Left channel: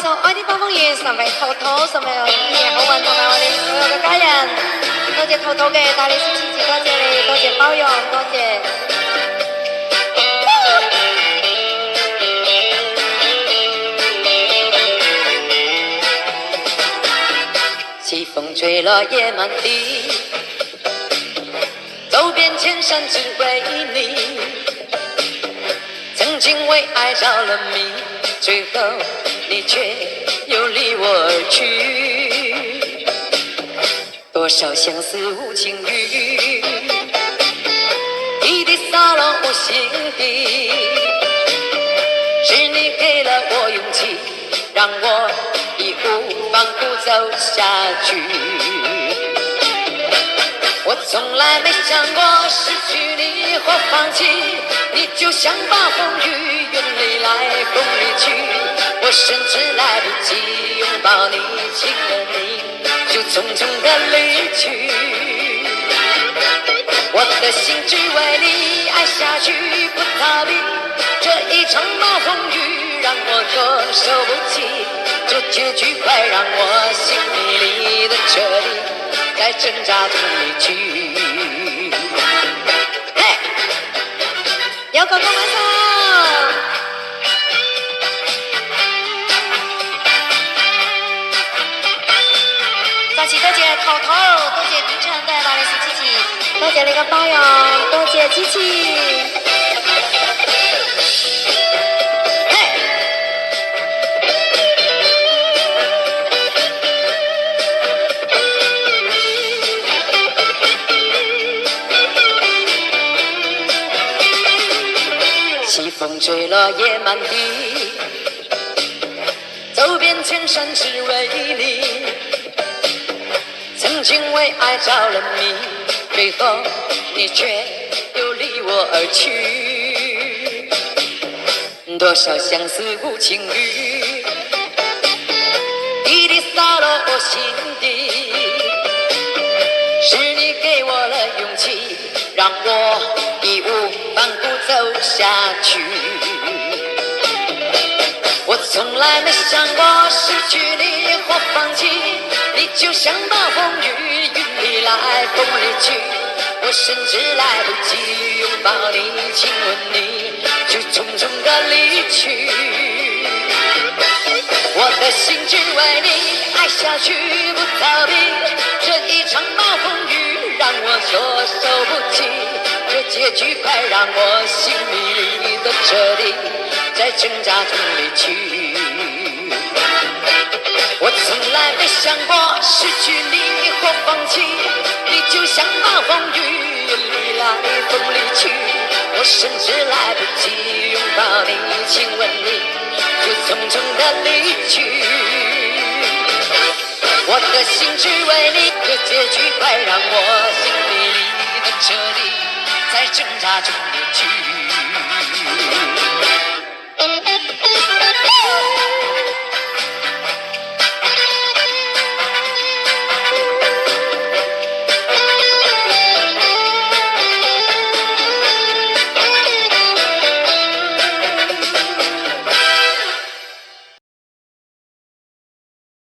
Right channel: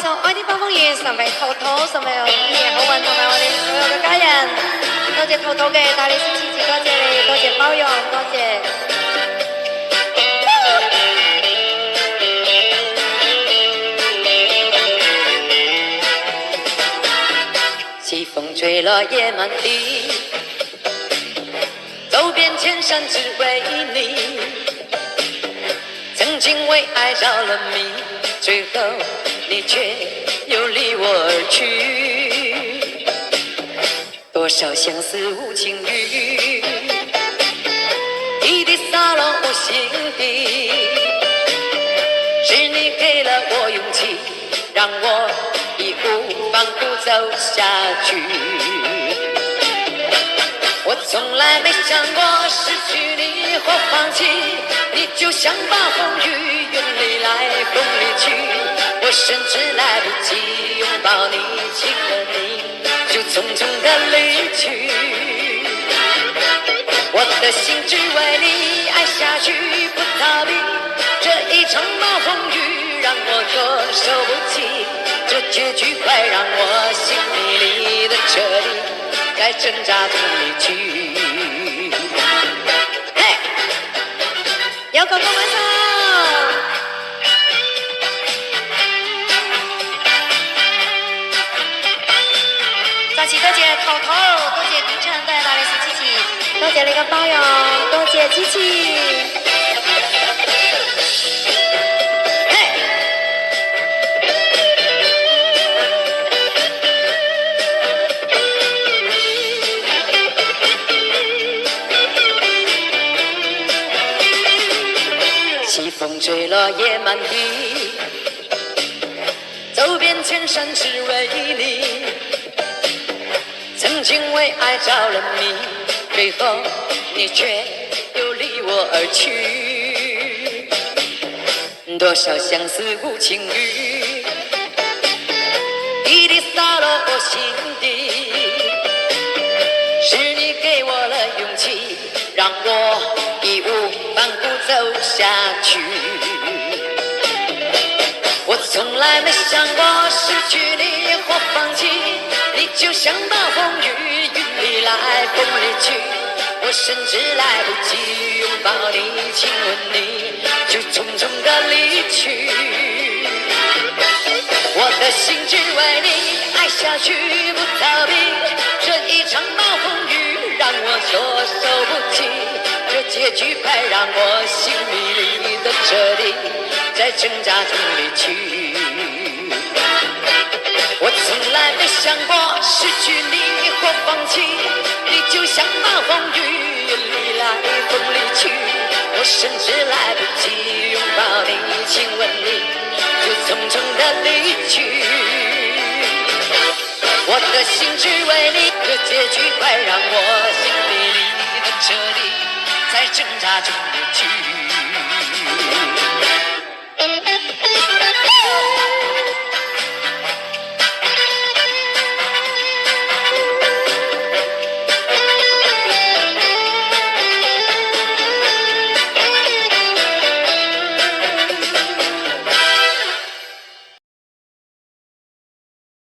这首《爱的暴风雨》送给涛涛，送给一年好运同埋我哋所有嘅家人。多謝涛涛嘅大力支持，多謝你，多謝包容，多謝。西風吹落夜滿地，走遍千山只為你。曾經為愛着了迷，最後你卻又離我而去。多少相思無情雨，滴滴灑落我心底。是你給了我勇氣，讓我義無反顧走下去。我從來沒想過失去你或放棄，你就像暴風雨，雲裡來風裡去。我甚至來不及擁抱你，親了你，就匆匆地離去。我的心只為你愛下去，不逃避。這一場暴風雨讓我措手不及，這結局快讓我心迷離的徹底，在掙扎中離去。嘿，有哥哥晚上。再次多謝頭頭，多謝點唱都係大力士支持，多謝你嘅包容，多謝支持。西風吹落夜滿地，走遍千山只為你。曾經為愛着了迷，最後你卻又離我而去。多少相思無情雨，滴滴灑落我心底。是你給我了勇氣，讓我義無反顧走下去。我從來沒想過失去你或放棄，你就像暴風雨，雲裡來風裡去。我甚至來不及擁抱你，親吻你，就匆匆地離去。我的心只為你愛下去，不逃避。這一場暴風雨讓我措手不及，這結局快讓我心迷離的徹底，在掙扎中離去。我從來沒想過失去你或放棄，你就像暴風雨，雲裡來風裡去。我甚至來不及擁抱你，親吻你，就匆匆地離去。我的心只為你，這結局快讓我心迷離的徹底，在掙扎中離去。